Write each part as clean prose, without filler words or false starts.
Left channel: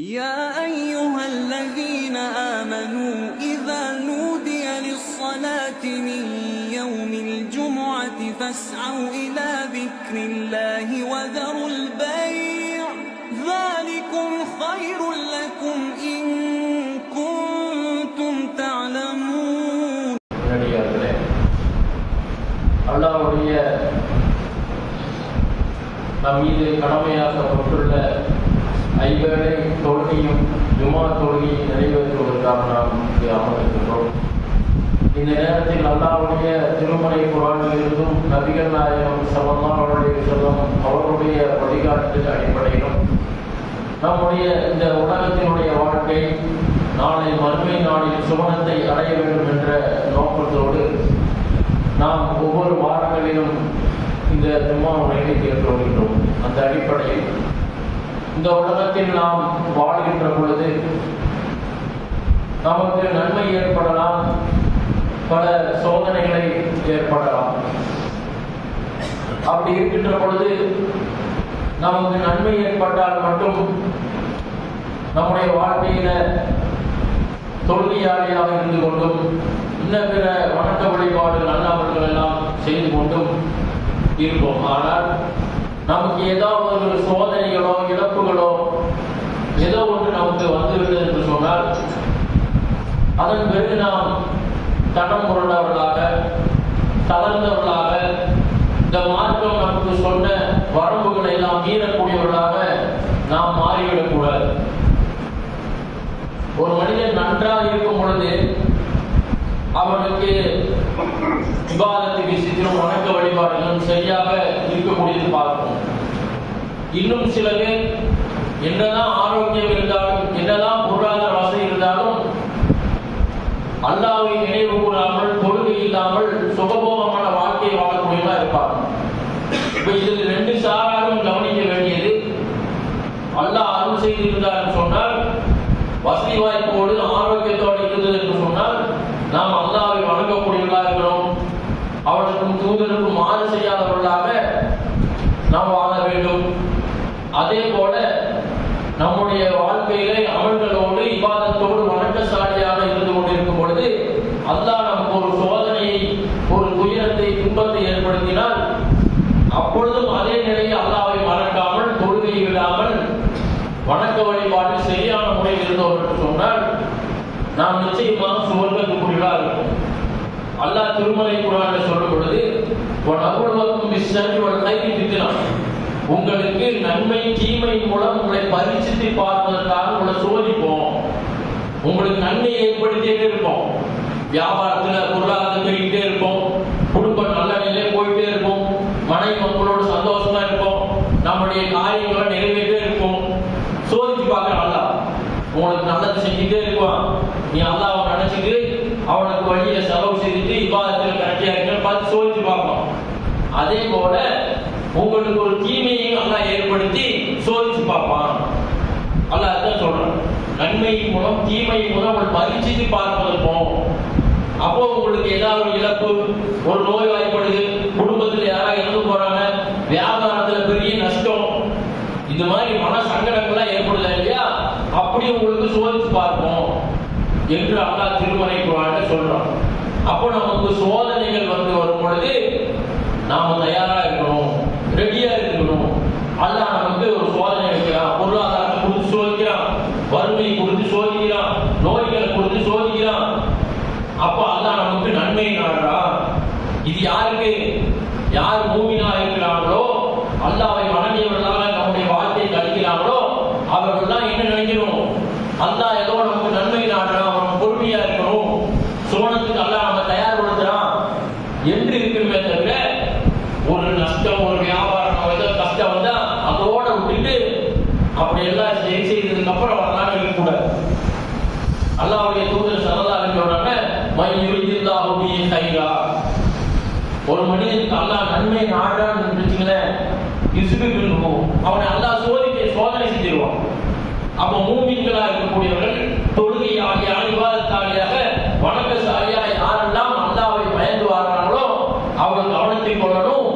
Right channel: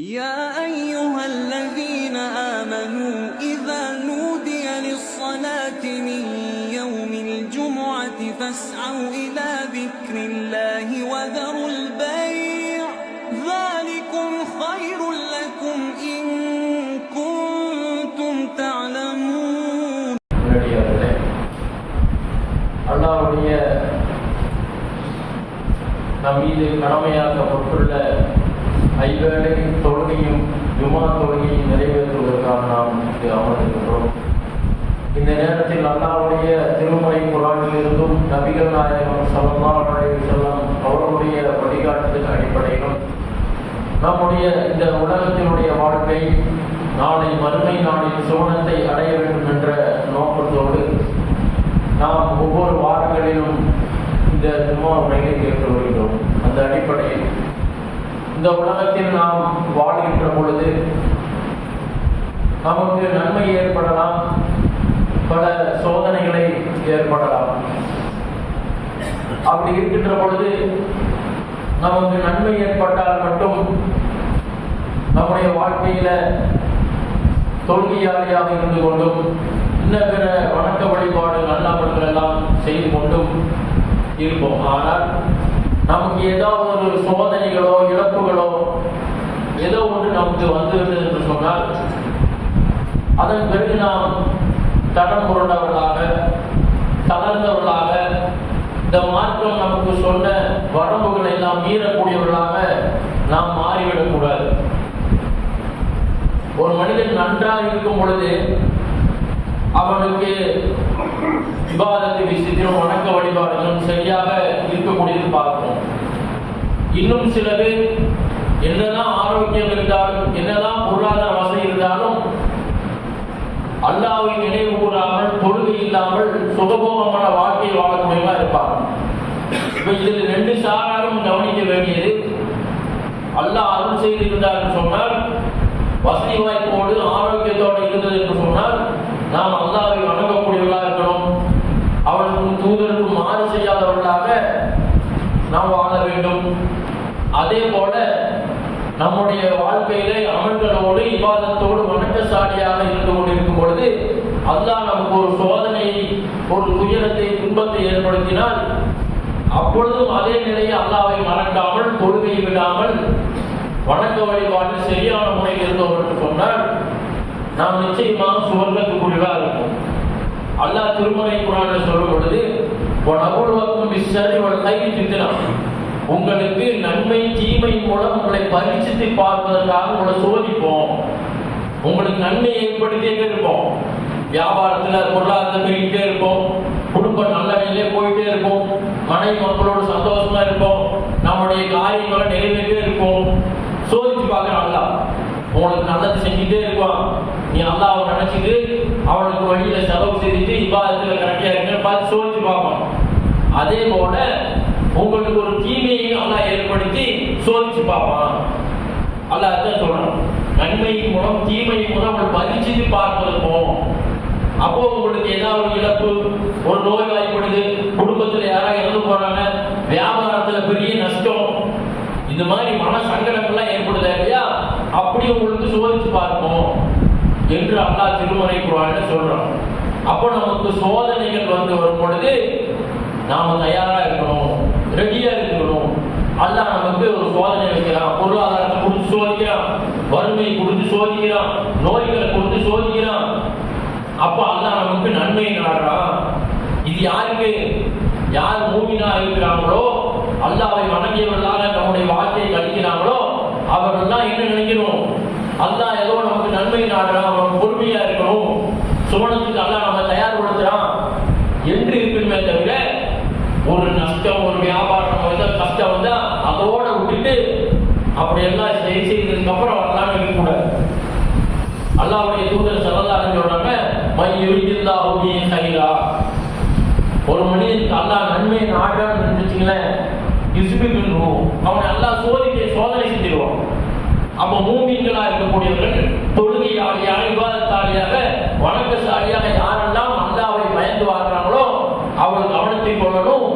يا أيها الذين آمنوا إذا نودي للصلاة من يوم الجمعة فاسعوا إلى ذكر الله وذروا البيع ذلكم خير لكم إن كنتم تعلمون. அல்லாஹ்வுடைய நம்மீது கடமையாக்கப்பட்டுள்ள ஐவேளை தொழுகையும் ஜுமா தொழுகையை நிறைவேற்றுவதற்காக நாம் அமர்ந்திருக்கிறோம். இந்த நேரத்தில் அல்லாஹ்வுடைய திருமறை குர்ஆனிலிருந்தும் நபிகள் நாயகம் ஸல்லல்லாஹு அலைஹி வஸல்லம் அவர்களுடைய வழிகாட்டுதல் அடிப்படையில் நம்முடைய இந்த உலகத்தினுடைய வாழ்க்கை நாளை மறுமை நாளில் சுவனத்தை அடைய வேண்டும் என்ற நோக்கத்தோடு நாம் ஒவ்வொரு வாரங்களிலும் இந்த ஜும்மாவை நிறைவேற்றி வருகிறோம். அந்த அடிப்படையில் இந்த உலகத்தில் நாம் வாழ்கின்ற பொழுது நமக்கு நன்மை ஏற்படலாம், பல சோதனைகளை ஏற்படலாம். அப்படி இருக்கின்ற பொழுது நமக்கு நன்மை ஏற்பட்டால் மட்டும் நம்முடைய வாழ்க்கையில தொழுகையாளியாக இருந்து கொண்டும் இன்ன பிற வணக்க வழிபாடு நல்லவர்கள் எல்லாம் செய்து கொண்டும் இருப்போம். ஆனால் நமக்கு ஏதாவது ஒரு சோதனைகளோ இழப்புகளோ ஏதோ ஒன்று நமக்கு வந்துவிடுது என்று சொன்னால் அதன் பிறகு நாம் தடம் புரண்டவர்களாக தளர்ந்தவர்களாக இந்த மார்க்கம் நமக்கு சொன்ன வரம்புகளை எல்லாம் மீறக்கூடியவர்களாக நாம் மாறிவிடக்கூடாது. ஒரு மனிதன் நன்றாக இருக்கும் பொழுது அவனுக்கு இபாதத்து விஷயத்திலும் வணக்க வழிபாடுகளும் சரியாக இருக்கக்கூடியது பார்க்கிறோம். இன்னும் சில பேர் என்னதான் ஆரோக்கியம் இருந்தாலும் என்னதான் பொருளாதார வசதி இருந்தாலும் அல்லாஹ்வை நினைவு கூறாமல் தொழுகை இல்லாமல் சுகபோகமான வாழ்க்கையை வாழக்கூடியவா இருப்பாங்க. இப்ப இதில் ரெண்டு சாராரும் கவனிக்க வேண்டியது, அல்லாஹ் அருள் செய்திருந்தார் என்று சொன்னால் வசதி வாய்ப்போடு ஆரோக்கியத்தோடு இருந்தது என்று சொன்னால் நாம் அல்லாஹ்வை வணங்கக்கூடியவர்களாக இருக்கணும். அவனுக்கும் தூதருக்கும் மாறு செய்யாதவர்களாக நாம் வாழ வேண்டும். அதே போல நம்முடைய வாழ்க்கையிலே அமல்களோடு இபாதத்தோடு வணக்கசாலியாக இருந்து கொண்டிருக்கும் பொழுது அல்லாஹ் நமக்கு ஒரு சோதனையை, ஒரு துயரத்தை, துன்பத்தை ஏற்படுத்தினால் அப்பொழுதும் அதே நிலையை அல்லாஹ்வை மறக்காமல் தொழுகையை விடாமல் வணக்க வழிபாடு சரியான முறையில் இருந்தோம் என்று சொன்னால் நாம் நிச்சயமாக சுவர்க்கத்துக்குள்ளா இருக்கும். அல்லாஹ் திருமறை குர்ஆனில் சொல்லும் பொழுது உங்களுக்கு நன்மை தீமை மூலம் உங்களை பரீட்சித்து பார்ப்பதற்காக உங்களை சோதிப்போம். உங்களுக்கு நன்மை ஏற்படுத்திட்டே இருப்போம். வியாபாரத்துல பொருளாதாரம் பெருகிட்டே இருப்போம், குடும்பம் நல்ல நிலையிலே போயிட்டே இருக்கும், மனைவி மக்களோட சந்தோஷமா இருப்போம், நம்முடைய காரியங்களை நிறைவேற்றே இருக்கும். சோதிச்சு பார்க்க அல்லாஹ் உங்களுக்கு நல்லது செஞ்சுட்டே இருப்பான். நீ அல்லாஹ்வை நினைச்சிட்டு அவனுக்கு வழியில செலவு செய்துட்டு இபாதத்துல கரெக்டா இருக்குன்னு பார்த்து சோதிச்சு பார்ப்போம். அதே போல உங்களுக்கு ஒரு தீமையை அல்லாஹ் ஏற்படுத்தி சோதிச்சு பார்ப்பான். அல்லாஹ் அதான் சொல்றான், நன்மையின் மூலம் தீமையின் மூலம் ஒரு பரீட்சித்து பார்ப்பதற்கும். அப்போ உங்களுக்கு ஏதாவது ஒரு இழப்பு, ஒரு நோய் வாய்ப்படுது, குடும்பத்தில் யாராவது இறந்து போறாங்க, வியாபாரத்துல பெரிய நஷ்டம், இந்த மாதிரி மன சங்கடங்கள்லாம் ஏற்படுதா இல்லையா, அப்படி உங்களுக்கு சோதிச்சு பார்ப்போம் என்று அல்லாஹ் திருமறை குர்ஆனில் சொல்றான். அப்போ நமக்கு சோதனைகள் வந்து வரும் பொழுது நாம தயாரா இருக்கணும், ரெடியா இருக்கணும். அல்லாஹ் நமக்கு ஒரு சோதனை வைக்கிறான், பொருளாதாரத்தை கொடுத்து சோதிக்கிறான், வறுமை கொடுத்து சோதிக்கிறான், நோய்களை கொடுத்து சோதிக்கிறான். அப்ப அல்லாஹ் நமக்கு நன்மை நாடுறான். இது யாருக்கு? யார் மூமினா இருக்கிறாங்களோ, அல்லாஹ்வை வணங்கியவர்களாக நம்முடைய வாழ்க்கையை கழிக்கிறாங்களோ அவர்கள்லாம் என்ன நினைக்கணும்? அல்லாஹ் ஏதோ நமக்கு நன்மை நாடுறான், அவன் பொறுமையா இருக்கணும், சுவனத்துக்கு அல்லாஹ் நம்ம தயார்படுத்துறான் என்று இருக்கணுமே தவிர ஒரு நஷ்டம், ஒரு வியாபாரம் ஏதோ கஷ்டம் வந்தா அதோட விட்டுட்டு அப்படி எல்லாம் சரி செய்ததுக்கு அப்புறம் வரலான்னு இருக்கக்கூடாது. அல்லாஹ்வுடைய தூதர் ஸல்லல்லாஹு அலைஹி சொல்றாங்க, மையுரிதில்லாஹு பிஹி கைரா. ஒரு மனிதனுக்கு அல்லாஹ் நன்மை நாடுறான்னு நினைச்சீங்களேன், அவனை அல்லாஹ் சோதனை செஞ்சிருவான். அப்ப மூமின்களா இருக்கக்கூடியவர்கள் தொழுகையாளியாக, இபாதத்தாளியாக, வணக்கசாலியாக யாரெல்லாம் அல்லாஹ்வை பயந்து வாழ்றாங்களோ அவர் கவனத்தை கொள்ளணும்.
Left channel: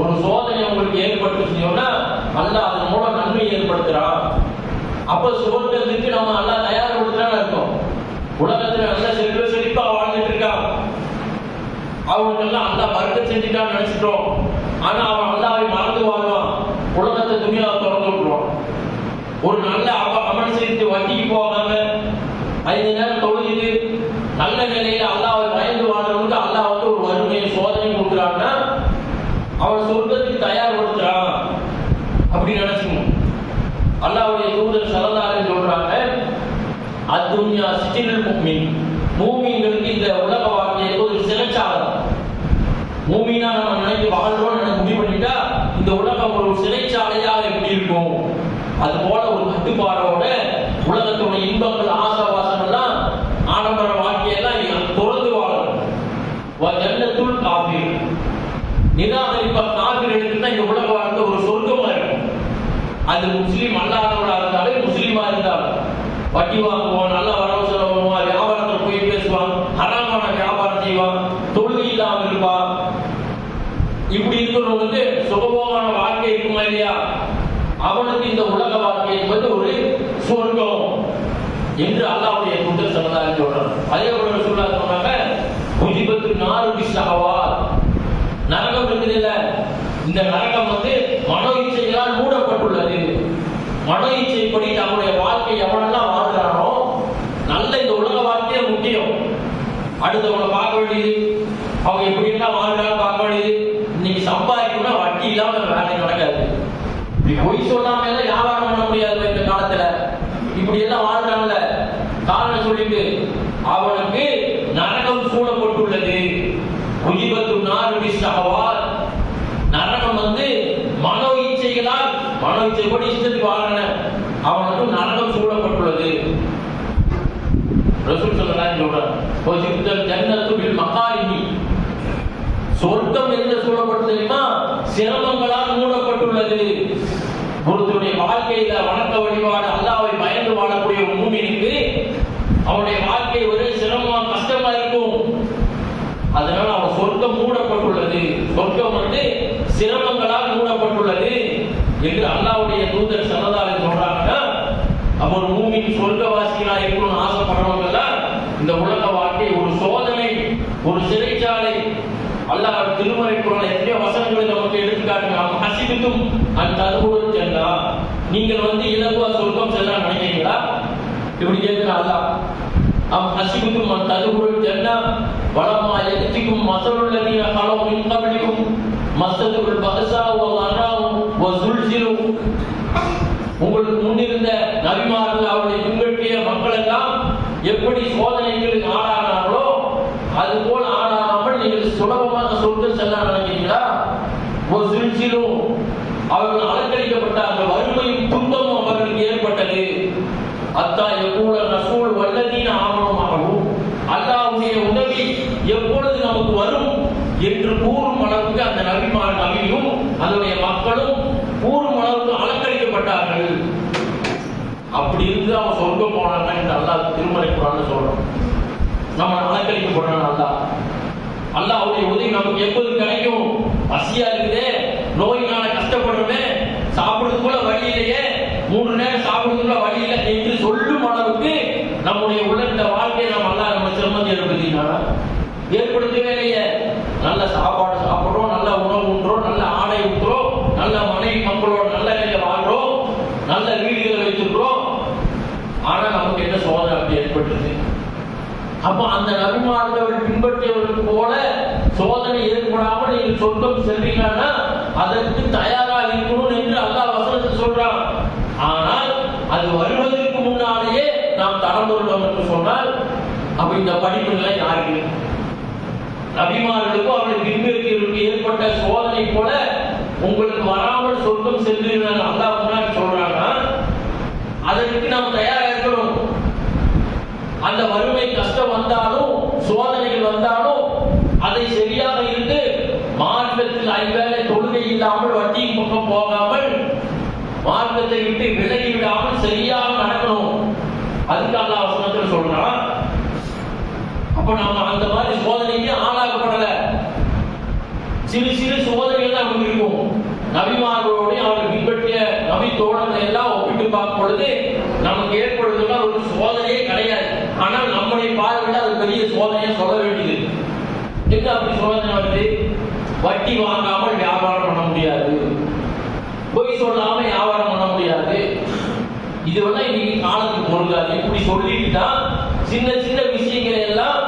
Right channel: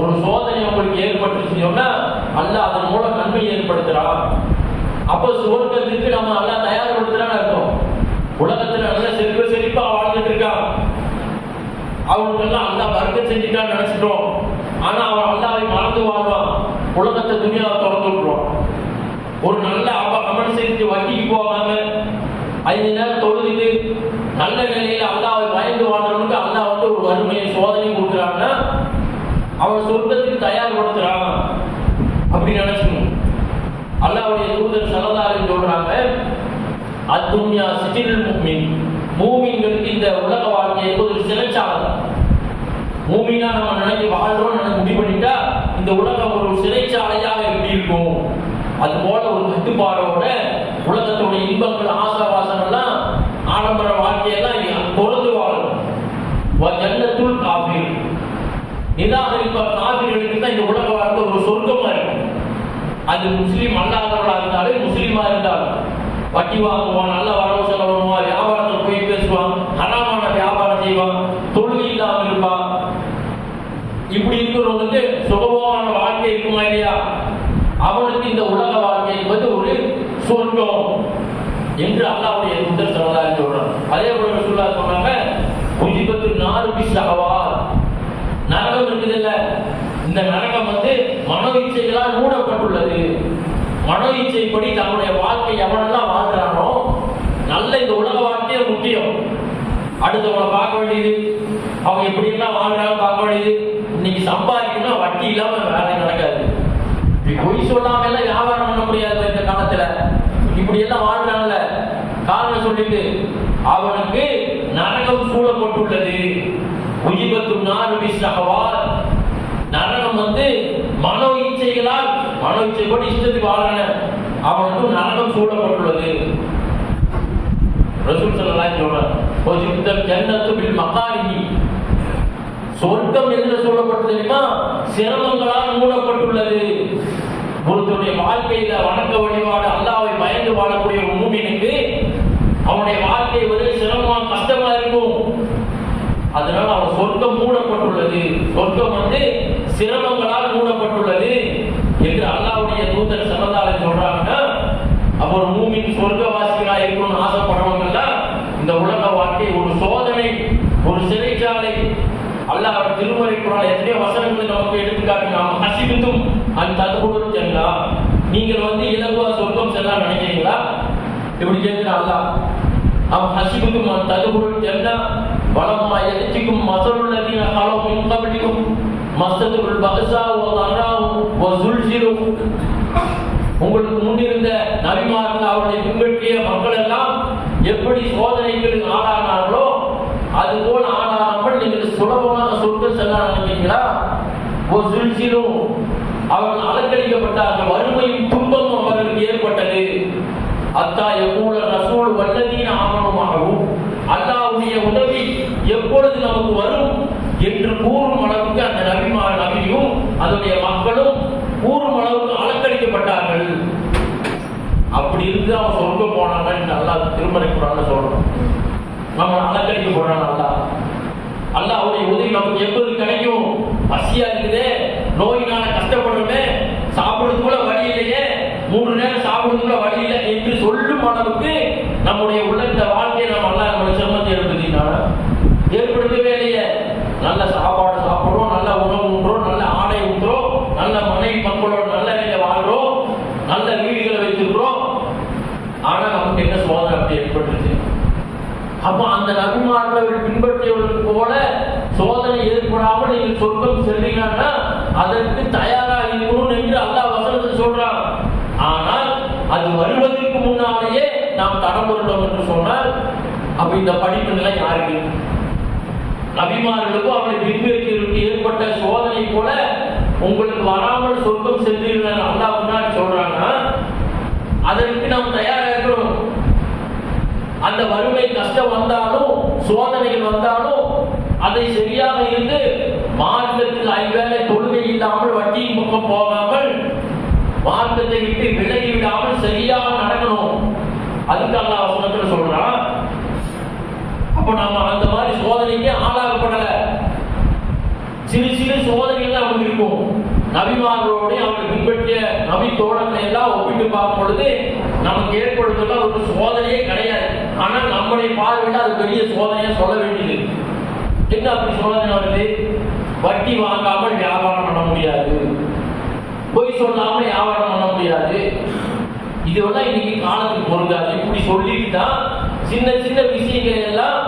ஒரு சோதனை உங்களுக்கு ஏற்பட்டுச்சுன்னா அல்லாஹ் அதன் மூலம் நன்மை ஏற்படுத்துறான். அப்ப சுவர்க்கத்துக்கு நம்ம எல்லாம் தயார்படுத்துறான்னு அர்த்தம். உலகத்துல நல்ல செழிப்பா வாழ்ந்துட்டு இருக்கான், அவனுக்கெல்லாம் அல்லா வர்க்கம் செஞ்சுட்டான்னு நினைச்சிட்டோம். ஆனா அவன் அல்லாவை மறந்து வாழ்வான், உலகத்தை துணியாவை திறந்து விட்டுருவான். ஒரு நல்ல அமல் செஞ்சு வட்டிக்கு போகாம 5 நேரம் தொழுது நல்ல நிலையில அல்லாவை பயந்து வாழ்றவனுக்கு அல்லா வந்து ஒரு வறுமையை சோதனை கொடுக்குறான்னா அவன் சொர்க்கத்துக்கு தயார்படுத்துறான் அப்படின்னு நினைச்சுக்கணும். அல்லாஹ்வுடைய தூதர் ஸல்லல்லாஹு அலைஹி சொல்றாங்க, அத்துன்யா சிஜ்னுல் முஃமின், மூமின்களுக்கு இந்த உலக வாழ்க்கை ஒரு சிறைச்சாலை. மூமினா நம்ம நினைச்சு வாழ்றோம்னு நினைச்சு முடிவு பண்ணிட்டா இந்த உலகம் ஒரு சிறைச்சாலையாக எப்படி இருக்கும், அது போல ஒரு கட்டுப்பாடோட உலகத்துடைய இன்பங்கள் ஆசாவாசங்கள்லாம் ஆடம்பர வாழ்க்கையெல்லாம் பொறுத்து வாழணும். ஜன்னத்துல் காஃபிர், நிராகரிப்ப காஃபிர்களுக்கு தான் இந்த உலக வாழ்க்கை ஒரு சொர்க்கமா இருக்கும். அது முஸ்லீம் அல்லாதவராக இருந்தாலும் முஸ்லீமா இருந்தாலும் வட்டி வாங்குவான், நல்ல வரவு செலவு பண்ணுவான், வியாபாரத்தில் போய் பேசுவான், ஹராமான வியாபாரம் செய்வான், தொழுகை இல்லாமல் இருப்பான். இப்படி இருக்கிறவங்களுக்கு சுகமான வாழ்க்கை இருக்குமா இல்லையா? அவனுக்கு இந்த உலக வாழ்க்கை என்பது ஒரு சொர்க்கம் என்று அல்லாஹ்வுடைய தூதர் ஸல்லல்லாஹு அலைஹி சொல்றாங்க. அதே போல ரசூலுல்லாஹ் சொன்னாங்க, உஜிபத்து நாரு பிஸ்ஸஹவாத், நரகம் இருக்குதுல்ல, இந்த நரகம் வந்து மனோ இச்சைகளால் மூடப்பட்டுள்ளது. மனோ இச்சைப்படி தன்னுடைய வாழ்க்கை எவனெல்லாம் வாழ்றானோ, நல்ல இந்த உலக வாழ்க்கையே முக்கியம். அடுத்தவங்களை பார்க்க வேண்டியது, அவங்க எப்படி எல்லாம் வாழ்றாங்க பார்க்க வேண்டியது. இன்னைக்கு சம்பாதிக்கணும்னா வட்டி இல்லாம வேலை நடக்காது. இப்படி பொய் சொல்லாம எல்லாம் வியாபாரம் பண்ண முடியாது இந்த காலத்துல. இப்படி எல்லாம் வாழ்றாங்கல்ல, காரணம் சொல்லிட்டு அவனுக்கு நரகம் சூழப்பட்டுள்ளது. உஜிபத்து நாரு பிஸ்ஸஹவாத், நரகம் வந்து மனோ இச்சைகளால், மனோ இச்சைப்படி இஷ்டத்துக்கு வாழான அவனுக்கு நரகம் சூழப்பட்டுள்ளது. ரசூல் ஸல்லல்லாஹு அலைஹி சொல்றார், ஜன்னத்து பில் மகாரிஹி, சொர்க்கம் என்று சொல்லப்பட்டது தெரியுமா, சிரமங்களால் மூடப்பட்டுள்ளது. ஒருத்தருடைய வாழ்க்கையில வணக்க வழிபாடு அல்லாஹ்வை பயந்து வாழக்கூடிய ஒரு மூமினுக்கு அவனுடைய வாழ்க்கை ஒரே சிரமமா கஷ்டமா இருக்கும். அதனால அவன் சொர்க்கம் மூடப்பட்டுள்ளது, சொர்க்கம் வந்து சிரமங்களால் மூடப்பட்டுள்ளது என்று அல்லாஹ்வுடைய தூதர் ஸல்லல்லாஹு அலைஹி சொல்றாங்கன்னா, அப்ப ஒரு மூமின் சொர்க்கவாசிகளா இருக்கணும்னு ஆசைப்படுறவங்க எல்லாம் இந்த உலக வாழ்க்கை ஒரு சோதனை, ஒரு சிறைச்சாலை. அல்லாஹ் திருமறை குர்ஆன்ல எத்தனையோ வசனங்களை நமக்கு எடுத்துக்காட்டினான். ஹஸிபுதும் அன் ததுகுலுல் ஜன்னா, நீங்கள் வந்து இலகுவா சொர்க்கம் செல்ல நினைக்கிறீங்களா? இப்படி கேட்கிறான் அல்லாஹ். ஹஸிபுதும் அன் ததுகுலுல் ஜன்னா வலம்மா யஅதிகும் மஸலுல் லதீன கலவு மின் கப்லிகும் மஸதுல் பஅஸா வ ضراء வ ஸுல்ஸிலு, உங்களுக்கு முன்னிருந்த நபிமார்கள் அவர்களை பின்பற்றிய மக்கள் எல்லாம் எப்படி சோதனைகளுக்கு ஆளானார்களோ அதுபோல் ஆளாமல் நீங்கள் சுலபமாக சொர்க்கம் செல்ல நினைக்கிறீங்களா? ஒரு சுழ்ச்சிலும் அவர்கள் அலங்கரிக்கப்பட்டார்கள், வறுமையும் துன்பமும் அவர்களுக்கு ஏற்பட்டது. அத்தா யகூல ரசூல் வல்லதீன ஆமனுமாகவும், அல்லாஹ்வுடைய உதவி எப்பொழுது நமக்கு வரும் என்று கூறும் அளவுக்கு அந்த நபியும் அதனுடைய மக்களும் கூறும் அளவுக்கு அலங்கரிக்கப்பட்டார்கள். அப்படி இருந்து அவன் சொர்க்கம் போனாங்க என்று அல்லாஹ் திருமறை குர்ஆன்ல சொல்றான். நம்ம அலங்கரிக்கப்படுறான் அல்லாஹ். அல்லாஹ்வுடைய உதவி நமக்கு எப்போது கிடைக்கும்? பசியா இருக்குதே, நோயினால கஷ்டப்படுறமே, சாப்பிடுறது கூட வழி இல்லையே, 3 நேரம் சாப்பிடுறது கூட வழி இல்லை என்று சொல்லும் அளவுக்கு நம்முடைய உள்ள இந்த வாழ்க்கையை நம்ம அல்லாஹ் நம்ம சிரமத்தை ஏற்படுத்தவே இல்லையே. நல்ல சாப்பாடு சாப்பிடுறோம், நல்ல உணவு உண்றோம், நல்ல ஆடை உண்றோம், நல்ல மனைவி மக்களோட நல்ல நிலையை வாழ்றோம், நல்ல வீடுகளை வைத்திருக்கிறோம். ஆனா நமக்கு என்ன சோதனை அப்படி ஏற்பட்டுருது? அப்ப அந்த நபிமார்கள் பின்பற்றியவர்களுக்கு போல சோதனை ஏற்படாமல் நீங்கள் சொர்க்கம் செல்வீங்கன்னா அதற்கு தயாரா இருக்கணும் என்று அல்லாஹ் வசனத்தில் சொல்றான். ஆனால் அது வருவதற்கு முன்னாலேயே நாம் தடம்புறோம் என்று சொன்னால் அப்ப இந்த படிப்பு நிலை யாருக்கு? நபிமார்களுக்கும் அவருடைய பின்பற்றியவர்களுக்கு ஏற்பட்ட சோதனை போல உங்களுக்கு வராமல் சொர்க்கம் செல்வீர்கள் அல்லாஹ் முன்னாடி சொல்றாங்கன்னா அதற்கு நாம் தயாரா இருக்கிறோம். அந்த வறுமை கஷ்டம் வந்தாலும் சோதனைகள் வந்தாலும் அதை சரியாக இருந்து மார்க்கத்தில் 5 வேளை தொழுகை இல்லாமல் வட்டியின் பக்கம் போகாமல் மார்க்கத்தை விட்டு விலகி விடாமல் சரியாக நடக்கணும். அதுக்கு அல்லாஹ் வசனத்தில் சொல்றான். அப்ப நம்ம அந்த மாதிரி சோதனைக்கு ஆளாகப்படல. சிறு சிறு சோதனைகள் நமக்கு இருக்கும். நபிமார்களோடு அவர்கள் பின்பற்றிய நபி தோழர்கள் எல்லாம் ஒப்பிட்டு பார்க்கும் பொழுது நமக்கு ஏற்படும் ஒரு சோதனையே கிடையாது. ஆனால் நம்மளை பார்வையிட அது பெரிய சோதனையா சொல்ல வேண்டியது. என்ன அப்படி சோதனை வருது? வட்டி வாங்காமல் வியாபாரம் பண்ண முடியாது, பொய் சொல்லாம வியாபாரம் பண்ண முடியாது. இதெல்லாம் இன்னைக்கு காலத்துக்கு பொருந்தாது. இப்படி சொல்லிட்டு தான் சின்ன சின்ன விஷயங்கள் எல்லாம்,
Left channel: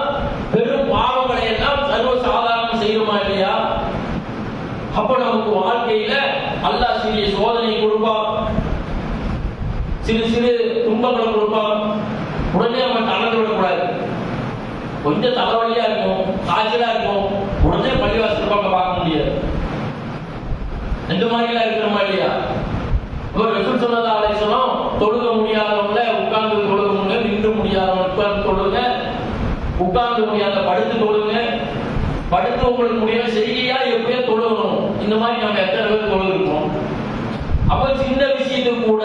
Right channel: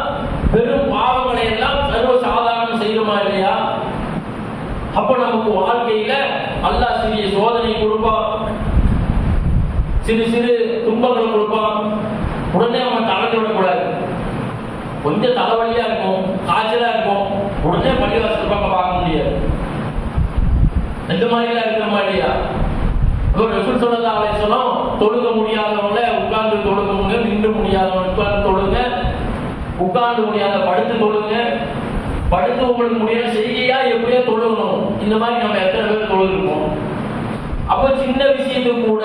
பெரும் பாவங்களை எல்லாம் சர்வ சாதாரணம் செய்யணுமா இல்லையா? அப்ப நமக்கு வாழ்க்கையில அல்லாஹ் சிறிய சோதனை கொடுப்பான், சிறு சிறு துன்பங்களை கொடுப்பான். உடனே நம்ம தளர்ந்து விடக்கூடாது. கொஞ்சம் தலைவலியா இருக்கும், காய்ச்சலா இருக்கும், உடனே பள்ளிவாசல் பக்கம் பார்க்க முடியாது. இந்த மாதிரிலாம் இருக்கிற மாதிரியா? ரசூல் ஸல்லல்லாஹு அலைஹி வஸல்லம் தொழுக முடியாதவங்கள உட்கார்ந்து தொழுகுங்க, நின்று முடியாதவங்க உட்கார்ந்து தொழுங்க, உட்கார்ந்து முடியாத படுத்து தொழுங்க, படுத்து உங்களுக்கு முடியாத செய்கையா எப்படியா தொழுகணும். இந்த மாதிரி நம்ம எத்தனை பேர் தொழுகிறோம்? அப்ப சின்ன விஷயத்துக்கு கூட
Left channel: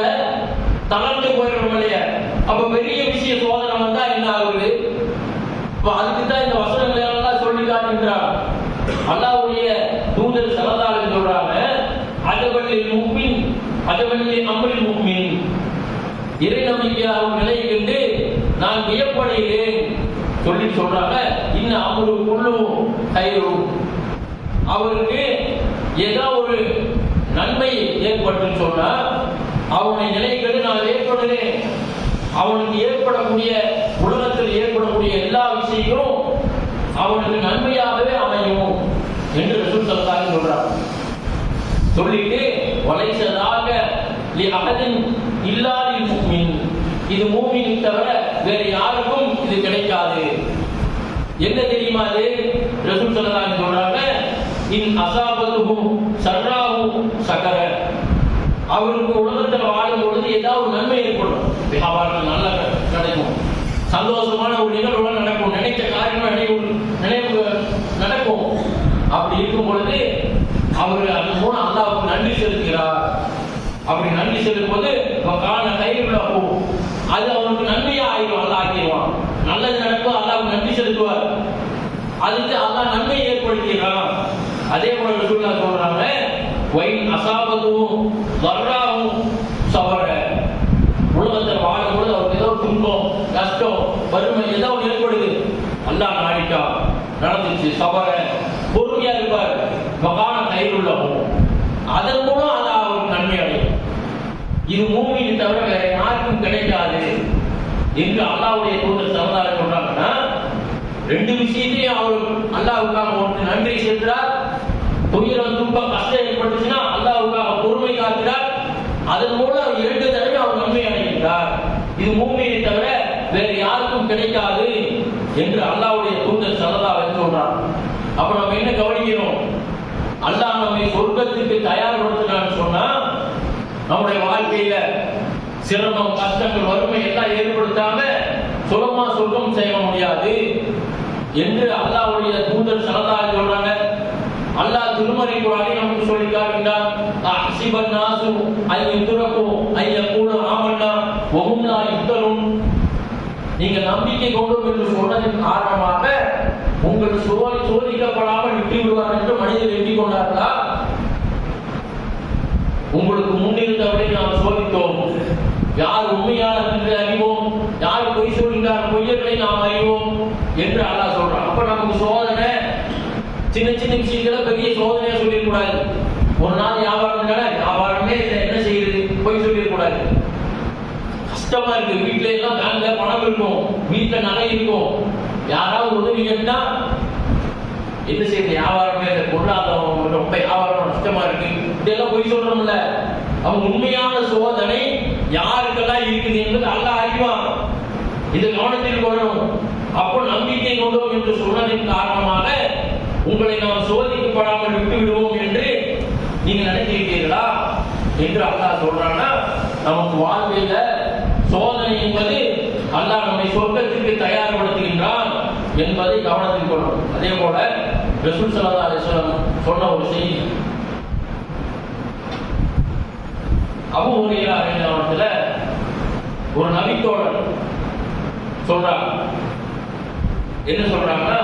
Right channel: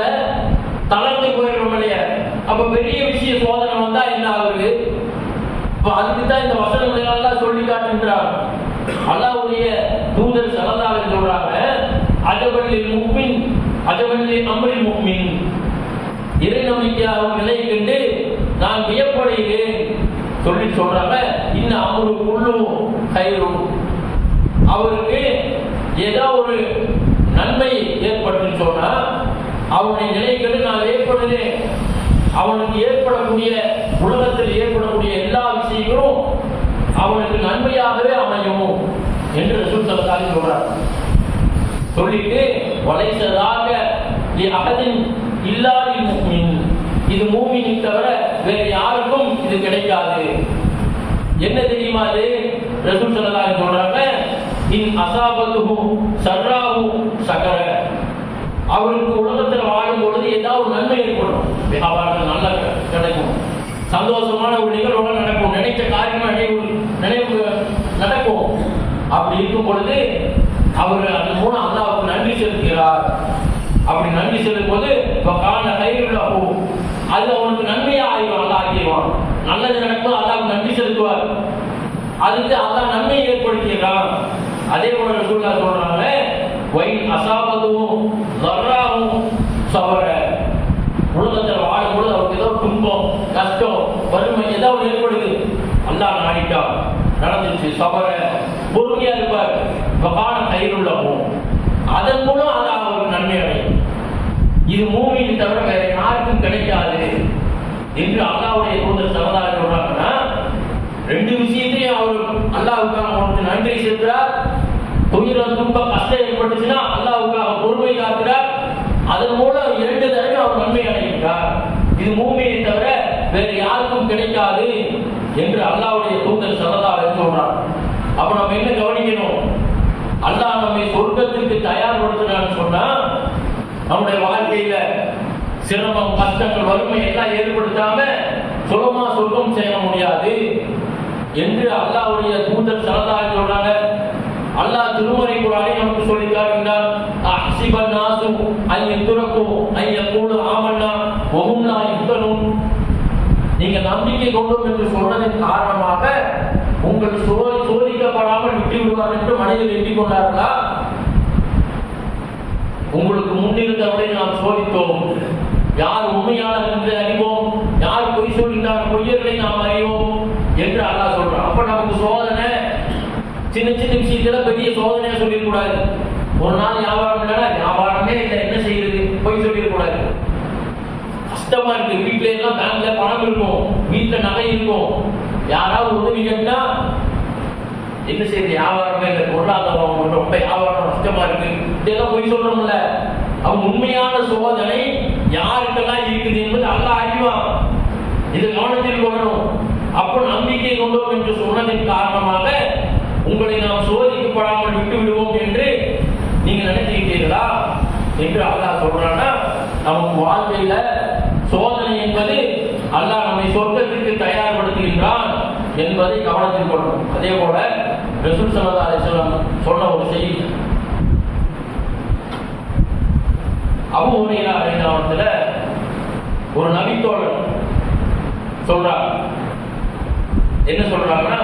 தளர்ந்து போயிடும் இல்லையா? அப்ப பெரிய விஷய சோதனை வந்தா என்ன ஆகுது? அதுக்கு தான் இந்த வசனங்களை எல்லாம் சொல்லி காட்டுகிறார். அல்லாஹ்வுடைய தூதர் ஸல்லல்லாஹு அலைஹி சொல்றாங்க, அஜபல்லில் முஃமின் அஜபல்லில் அம்ரில் முஃமின், இறை நம்பிக்கையாளர் நிலையை கண்டு நான் வியப்படுகிறேன் சொல்லி சொல்றாங்க. இன்ன அம்ரு குல்லு கைரு, அவருக்கு ஏதோ ஒரு நன்மை ஏற்பட்டுன்னு சொன்னா அவனுடைய நிலையை கண்டு நான் ஏற்படுகிறேன். அவனுக்கு ஏற்படக்கூடிய, உலகத்தில் ஏற்படக்கூடிய எல்லா விஷயங்களும் அவனுக்கு நன்மையாகவே அமையும் என்று ரசூல் ஸல்லல்லாஹு அலைஹி சொல்றார். சொல்லிட்டு வலைசதாக அகதின் இல்லாதில் முஃமின், இது மூமினை தவிர வேற யாருக்கும் இது கிடைக்காது. என்ன தெரியுமா? அது ரசூல் ஸல்லல்லாஹு அலைஹி சொல்றாங்க, இன் அஸாபத்துஹு ஸர்ராஹு ஸகர, அவருக்கு உலகத்தில் வாழும் பொழுது ஏதாவது ஒரு நன்மை ஏற்படும், வியாபாரத்தில் நல்லா கிடைக்கும், சந்தோஷமான ஒரு நிகழ்வுகள் நடக்கும், நினைச்ச காரியம் நினைவு நடக்கும். அப்படி இருக்கும் பொழுது அவர் அது மூலம் அல்லாஹ்வுக்கு நன்றி செலுத்துகிறார். அப்படி நன்றி செலுத்தும் போது அது அவனுக்கு நன்மையா ஆகிடும், அல்லாஹ் ஆக்கிடுவான். நல்லது நடக்கும், அல்லாஹ்வுக்கு நன்றி செலுத்துவார், அதுக்கு அல்லாஹ் நன்மை ஏற்படுத்துகிறான். அதே போல ரசூலுல்லாஹ் சொல்றாங்க, வைன் அஸாபத்துஹு ஸர்ராஹு ஸபர, உலகத்தில் வாழும்போது அவருக்கு ஏதோ துன்பம், கஷ்டம், வறுமை ஏதாவது ஏற்படுது, அல்லாஹ் நாடிட்டா நடந்துச்சு, சபர பொறுமையா இருப்பார், வகான கைருள்ளவும், அதன் மூலம் அது அவருக்கு நன்மை அடையும். இது மூமினை தவிர வேற யாருக்கும் கிடைக்காது என்று அல்லாஹ்வுடைய தூதர் ஸல்லல்லாஹு அலைஹி சொல்றாங்கன்னா, ரெண்டு விஷயத்திலையும் அவர் அல்லாஹ்வுக்காக அவருக்கு நன்றி செலுத்துறார். துயரம், துன்பம், கஷ்டம் ஏற்பட்டுச்சுன்னா அல்லாஹ்வுக்காக பொறுமை காக்கிறார். அதன் மூலம் இரண்டு தடவை அவர் நன்மை அடைகிறார். இது மூமினை தவிர வேற யாருக்கும் கிடைக்காது என்று அல்லாஹ்வுடைய தூதர் ஸல்லல்லாஹு அலைஹி சொல்றார். அப்ப நம்ம என்ன கவனிக்கணும்? அல்லாஹ் நம்மை சொர்க்கத்துக்கு தயார்படுத்தினான்னு சொன்னா நம்முடைய வாழ்க்கையில சிரமம், கஷ்டங்கள், வறுமை எல்லாம் ஏற்படுத்தாம சுலபமா சொர்க்கம் செய்ய முடியாது என்று அல்லாஹ்வுடைய தூதர் ஸல்லல்லாஹு அலைஹி சொல்றாங்க. அல்லாஹ் திருமறை குர்ஆனில் நமக்கு சொல்லி காட்டுகிறார், அஹ்சிபன் நாசு அன் யுத்ரகு அன் யகூலு ஆமன்னா வஹும் லா யுஃப்தனூன், நீங்கள் நம்பிக்கை கொண்டோம் என்று சொல்றதன் காரணமாக உங்கள் சோதிக்கப்படாமல் விட்டு விடுவார் என்று மனிதர் எண்ணிக்கொண்டார்களா? உங்களுக்கு முன்னிருந்தவரை நாம் சோதித்தோம், யார் உண்மையாளர் என்று அறிவோம், யார் பொய் சொல்கிறார், பொய்யர்களை நாம் அறிவோம் என்று அல்லாஹ் சொல்றான். அப்ப நமக்கு சோதனை சின்ன சின்ன விஷயத்துல பெரிய சோதனையா சொல்லிடக்கூடாது. ஒரு நாள் வியாபாரம் இல்லைன்னா வியாபாரமே இல்லை, என்ன செய்யுது, பொய் சொல்லிடக்கூடாது. கஷ்டமா இருக்கு, வீட்டுல எல்லாம் பேங்க்ல பணம் இருக்கும், வீட்டுல நகை இருக்கும், யாராவது உதவி கேட்டா என்ன செய்யுது, வியாபாரமே இல்லை, பொருளாதாரம் ரொம்ப வியாபாரம் கஷ்டமா இருக்கு, இதெல்லாம் பொய் சொல்றோம்ல. அவங்க உண்மையான சோதனை யாருக்கெல்லாம் இருக்குது என்பது அல்லாஹ் அறிவான். இது கவனத்தில் கொள்ளணும். அப்போ நம்பிக்கை கொண்டோம் என்று சொன்னதின் காரணமாக உங்களை நாம் சோதிக்கப்படாமல் விட்டு விடுவோம் என்று நீங்க நினைக்கிறீர்களா என்று அல்லாஹ் சொல்றான்னா, நமக்கு வாழ்க்கையில சோதனை என்பது அல்லாஹ் நம்மை சொர்க்கத்திற்கு தயார்படுத்துகின்றான் என்பதை கவனத்தில் கொள்ளணும். அதே போல ரசூல் ஸல்லல்லாஹு அலைஹி வஸல்லம் சொன்ன ஒரு செய்தி, அபூ ஹுரைரா ரலியல்லாஹு அன்ஹு ஒரு நபித்தோழர் சொல்றாங்க. என்ன சொல்றாங்கன்னா,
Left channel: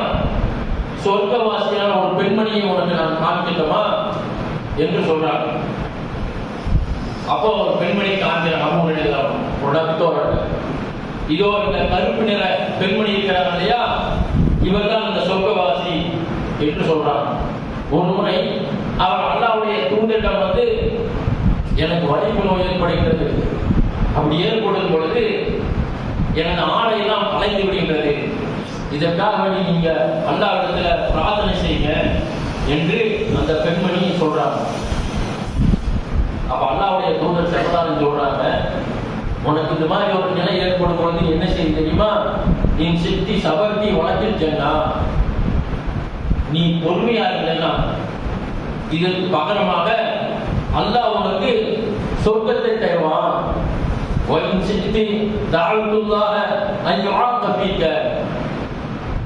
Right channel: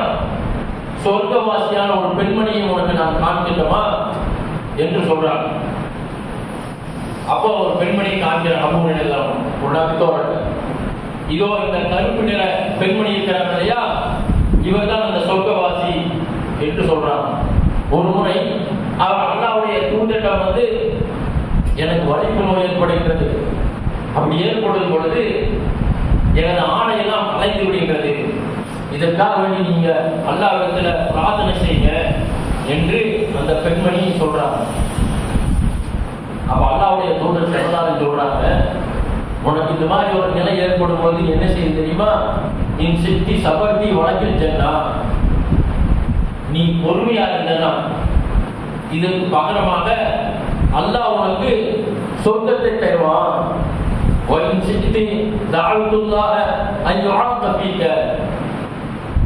சொர்க்கவாசியான ஒரு பெண்மணியை உனக்கு நான் காண்பிக்கட்டுமா என்று சொல்றாங்க. அப்போ ஒரு பெண்மணி காண்பிற அபூ ஹுரைரா ஒரு நபித்தோழர் இதோ இந்த கருப்பு நிற பெண்மணி இருக்கிறாங்க இல்லையா, இவர் தான் அந்த சொர்க்கவாசி என்று சொல்றாங்க. ஒரு முறை அவர் அல்லாஹ்வுடைய தூதரிடம் வந்து, எனக்கு வலிப்பு நோய் ஏற்படுகிறது, அப்படி ஏற்படும் பொழுது எனது ஆடையெல்லாம் கலைந்து விடுகிறது, இதற்காக வேண்டி நீங்க அல்லாஹ்விடத்துல பிரார்த்தனை செய்யுங்க என்று அந்த பெண்மணி சொல்றாங்க. அப்ப அல்லாஹ்வுடைய தூதர் ஸல்லல்லாஹு சொல்றாங்க, உனக்கு இந்த மாதிரி ஒரு நிலை ஏற்படும் பொழுது என்ன செய்ய தெரியுமா, இன் சித்தி சபர்த்தி வழக்கில் சென்னா, நீ பொறுமையா இருந்தனா இதற்கு பகரமாக அல்லாஹ் உனக்கு சொர்க்கத்தை தருவான். ஒயின் சித்தி தஅவுத்துல்லாஹ அன் யுஆக ஃபீக,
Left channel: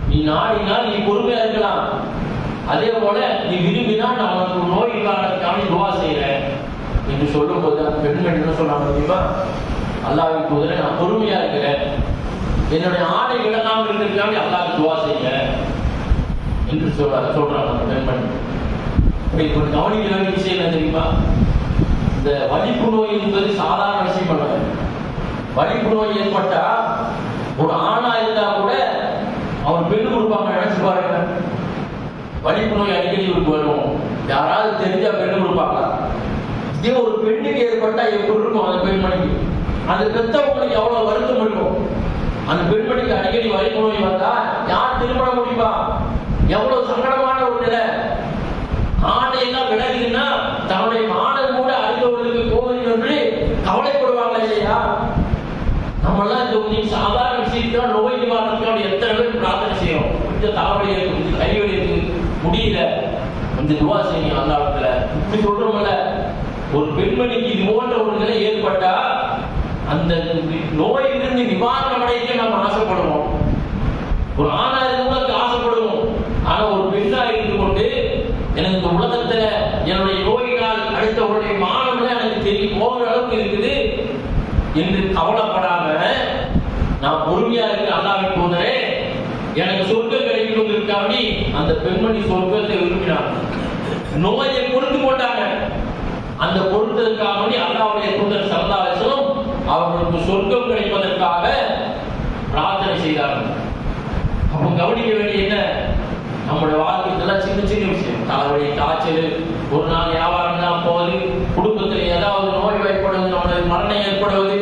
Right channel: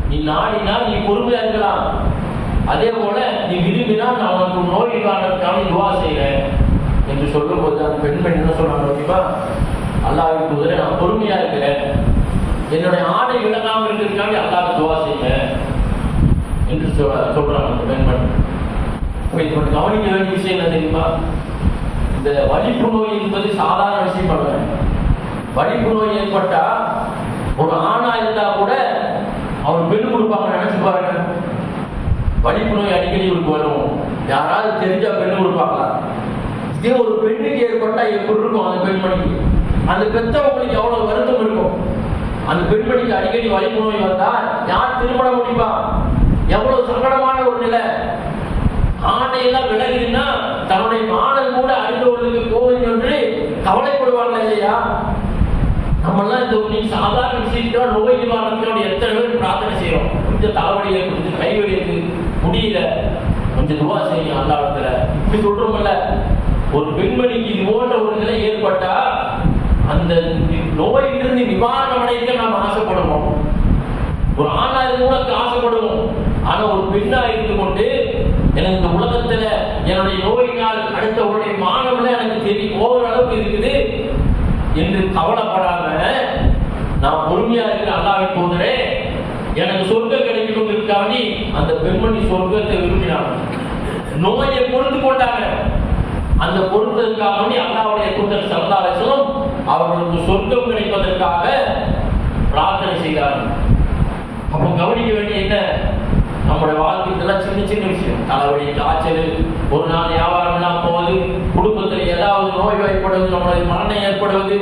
நீ நாடினால் நீ பொறுமையா இருக்கலாம், அதே போல நீ விரும்பினால் நான் உனக்கு நோய் நிவாரணத்துக்காக துஆ செய்கிறேன் என்று சொல்லும்போது அந்த பெண்மணி என்ன சொல்றாங்க தெரியுமா, அல்லாஹ்வின் தூதரே நான் பொறுமையா இருக்கிறேன், என்னுடைய ஆடை விளங்காமல் இருக்கிறதுக்காக அல்லாஹ்வுக்கு துஆ செய்கிறேன் என்று சொல்றாங்க அந்த பெண்மணி. இப்போ கவனிக்க வேண்டிய விஷயம் என்ன தெரியுமா, இந்த வலிப்பு நோய் என்பது சாதாரண விஷயம் அல்ல. வலிப்பு நோய் ஏற்பட்டா ஒரு ஆணா இருந்தா கூட அவர் பெண் கொடுப்பாங்க நினைச்சு பாருங்க. வலிப்பு நோய் அடிக்கடி இவருக்கு வரும், யாராவது தெரிஞ்சா பெண் கொடுப்பாங்களா? இதே ஒரு பெண்ணுக்கு ஏற்பட்டா எப்படி இருக்கும் அந்த பெண்மணிக்கு? அந்த பெற்றவங்களுக்கு எவ்வளவு வருத்தம் இருக்கும். அந்த பெண்மணிக்கு அடிக்கடி வலிப்பு நோய் வந்தா யார் திருமணம் முடிப்பா? எவ்வளவு சங்கடமான ஒரு நிலை. ஆணையெல்லாம் விலகுதுன்னா தன்னுடைய மாடல் கூட அறிந்தவர்களுக்கு போகுது என்று கவலைப்படுவாங்க இல்லையா? நம்மளாம் இந்த சாதாரண விஷயத்துல நோய் நிவாரணத்துக்காக எத்தனை பேர் பிரார்த்தனை செய்யறோம். கொஞ்சம் தலைவலி ஏற்படுது, கைவலி இருக்கு, முடியல, கொஞ்சம் துவா செய்யும் அல்லாஹ்விடத்துல இப்படி சொல்றோம்ல. ஒரு பெண்மணிக்கு இது போன்ற ஒரு நிலை ஏற்பட்டா அந்த நோயிலிருந்து நிவாரணம் அடைக்க நாம் ஆசைப்படுவோம். ஒரு ஆணா இருந்து கூட ஆசைப்படுவோம். ஆனா ஒரு பெண்ணா இருந்து கொண்டு எனக்கு இந்த உலகத்துல என்னுடைய நோயினால் அடுத்தவருடைய மானம்ல எனக்கு தெரியும் போகிற அளவுக்கு இருக்குது என்று கவலைப்படாம நான் பொறுமையா இருக்க அல்லாஹ்வின் தூதரே எனக்கு சொர்க்கம் கிடைக்கணும்னு அந்த பெண்மணி சொர்க்கத்தை விரும்பினாங்க. நோயை பொறுத்து கொண்டாங்க. அந்த பொறுத்ததற்காக அல்லாஹ்வுடைய தூதர் ஸல்லல்லாஹு அலைஹி வஸல்லம் அவர்களுக்கு சொர்க்கம் கிடைப்பதற்காக பிரார்த்தனை செய்தார்கள். அப்போ கவனிக்க வேண்டிய என்ன, நம்முடைய வாழ்க்கையில சின்ன சின்ன விஷயம், தலைவலி, காய்ச்சல், ஒரு நாள் வியாபாரம் எல்லாம் போகுது, குடும்பத்தில் ஏதாவது நோய் ஏற்படுவது, நம்மளுடைய மரணம் ஏற்படுவது.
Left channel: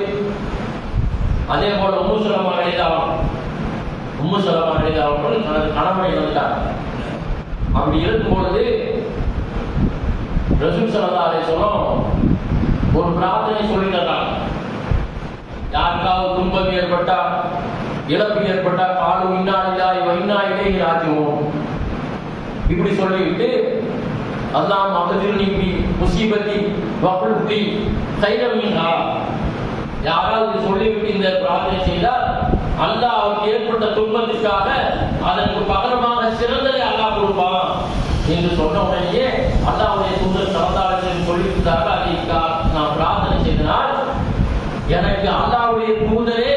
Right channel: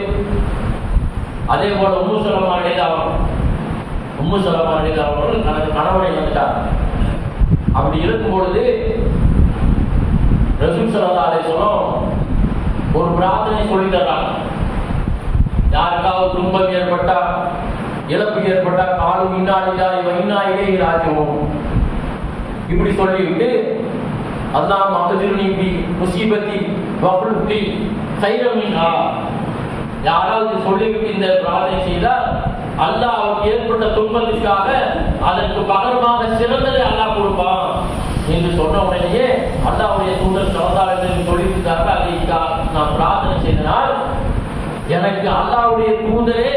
அதே போல உம்மு சலமா அவர்கள் தனது கணவனை இழந்தார். அப்படி இருக்கும் பொழுது ரசூல் ஸல்லல்லாஹு அலைஹி வஸல்லம் ஒரு பிரார்த்தனை சொல்லி தர்றாங்க. யாருக்காவது துன்பம் ஏற்பட்டா, இழப்பு ஏற்பட்டா, காலு இன்னா லில்லாஹி வ இன்னா இலைஹி ராஜிஊன் இப்படி சொல்லிவிட்டு அல்லாஹ் மக்திர்னி பி முஸீபத்தி வஃபுல் லி கைரம் மின்ஹா, யாராவது சொல்லிவிட்டு இந்த பிரார்த்தனை செய்தால் அல்லாஹ் அவருக்கு ஏற்பட்ட துன்பத்திற்காக அதற்கு பகரமாக சிறந்ததை அல்லாஹ் கொடுப்பான் என்று சொன்ன உடனேயே அல்லாஹ்வுடைய தூதர் ஸல்லல்லாஹு அலைஹி வஸல்லம் சொல்லிவிட்டார்கள். அதை நான் பிரார்த்தனை செய்தால் எனக்கு அல்லாஹ்வுடைய தூதரே